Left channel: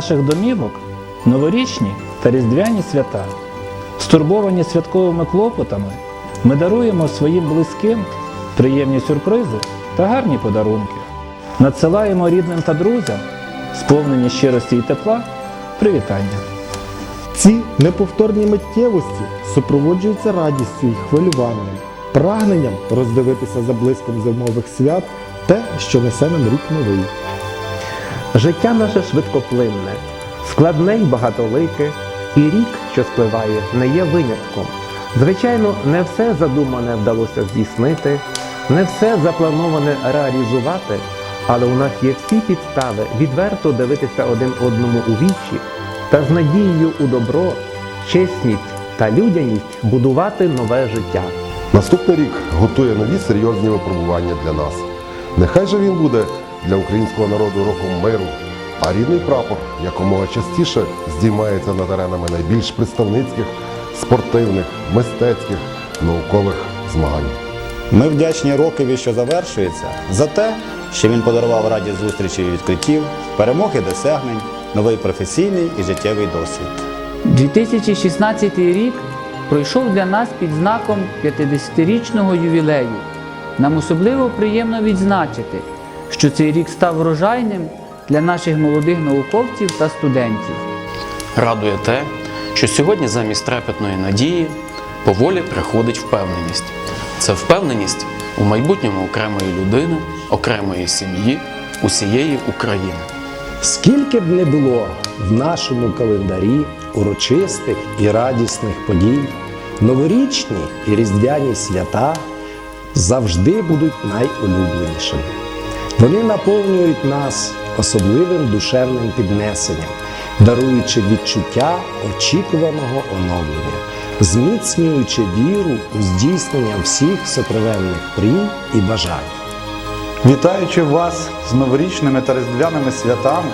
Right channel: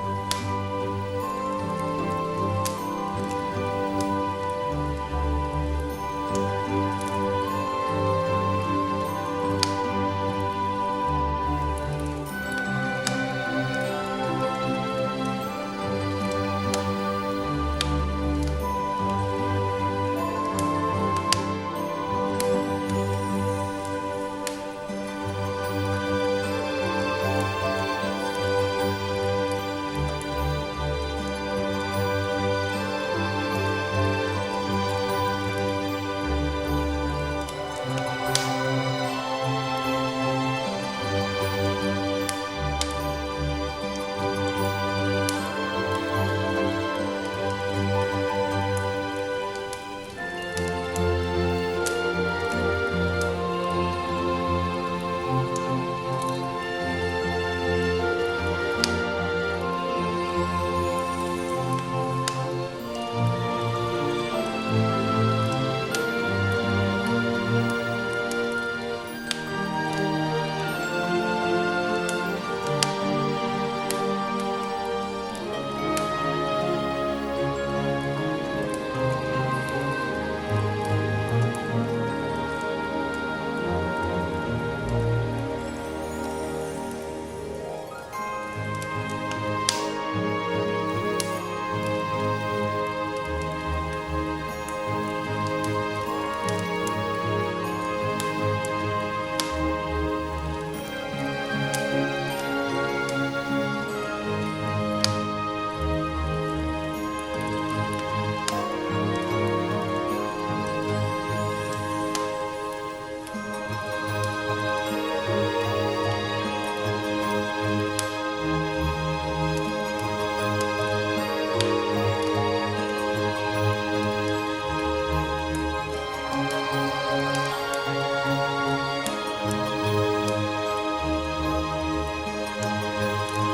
наших домівок новорічні та різдвяні свята. Стурбовані святковими клопотами, ми даруємо своїм близьким приємні сюрпризи та гарні подарунки. Надсилаємо рідним та друзям, сповнені щирості і тепла, привітання. Ці неповторні миттєвості супроводжуються радістю і хвилюванням, прагненням роздивитися за блиском зимових свят те, що несе нам рік новий. Життя наше швидкоплинне, складне й багатолике, і рік, що спливає, не є винятком. Звичайно, не все задумане вдалося здійснити, не все заплановане реалізувати, але у нас є всі підстави відверто дивитися один одному у вічі та з надією у добро, чесність та людяність будувати нове життя. Наступний рік готує нові серйозні випробування для нас. Нехай же він буде для українського народу роком миру, а рідний прапор якомога частіше здіймається над аренами найбільш представницьких, спортивних, мистецьких, наукових змагань. Ми вдячні Рокові, що завершується, за те, що він подарував радість зустрічей і відкриттів, перемог і досягнень, новий професійний і життєвий досвід. 2016 рік пройшов для нас під знаком 50-річного ювілею. Нам особливо приємно відзначити, що цей рік став врожайним для наших молодих науковців та студентів. Радує те, що сьогодні замість трепетної надії поволі приходить впевненість. Це впевненість у майбутньому окремої людини, окремої сім'ї, усієї України. Скільки б не було в нашому календарі урочистих і радісних подій, новорічні і різдвяні свята завжди будуть найулюбленішими. Вони наповнюють нас особливим душевним піднесенням, даруючи відчуття очікуваного оновлення, зміцнюючи віру у здійснення всіх сокровенних мрій і бажань. Вітаючи вас з новорічними та різдвяними святами,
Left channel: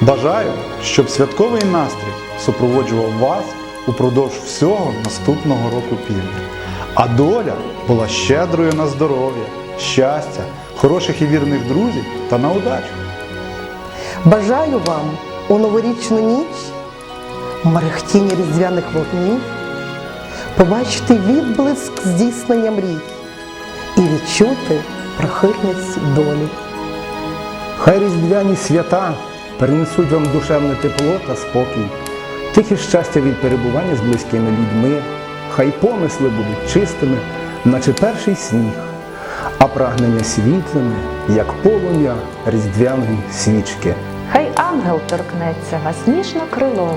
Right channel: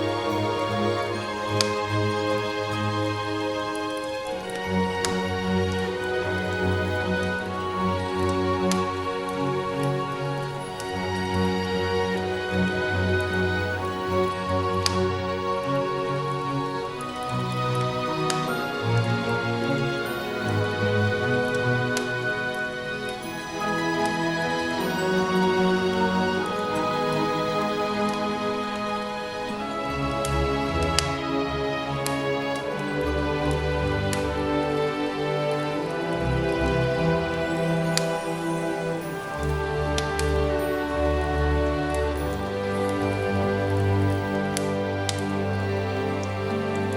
бажаю, щоб святковий настрій супроводжував вас упродовж всього наступного року півня. А доля була щедрою на здоров'я, щастя, хороших і вірних друзів та на удачу. Бажаю вам у новорічну ніч у мерехтінні різдвяних вогнів побачити відблиск здійснення мрій і відчути прихильність долі. Хай різдвяні свята принесуть вам душевне тепло та спокій, тихе щастя від перебування з близькими людьми, хай помисли будуть чистими, наче перший сніг, а прагнення світлими, як полум'я різдвяної свічки. Хай ангел торкнеться вас ніжно крилом,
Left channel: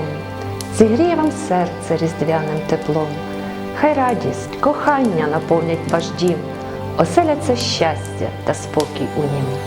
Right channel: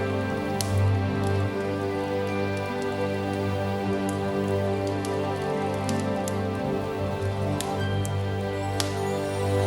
зігріє вам серце різдвяним теплом. Хай радість, кохання наповнять ваш дім, оселяться щастя та спокій у нім.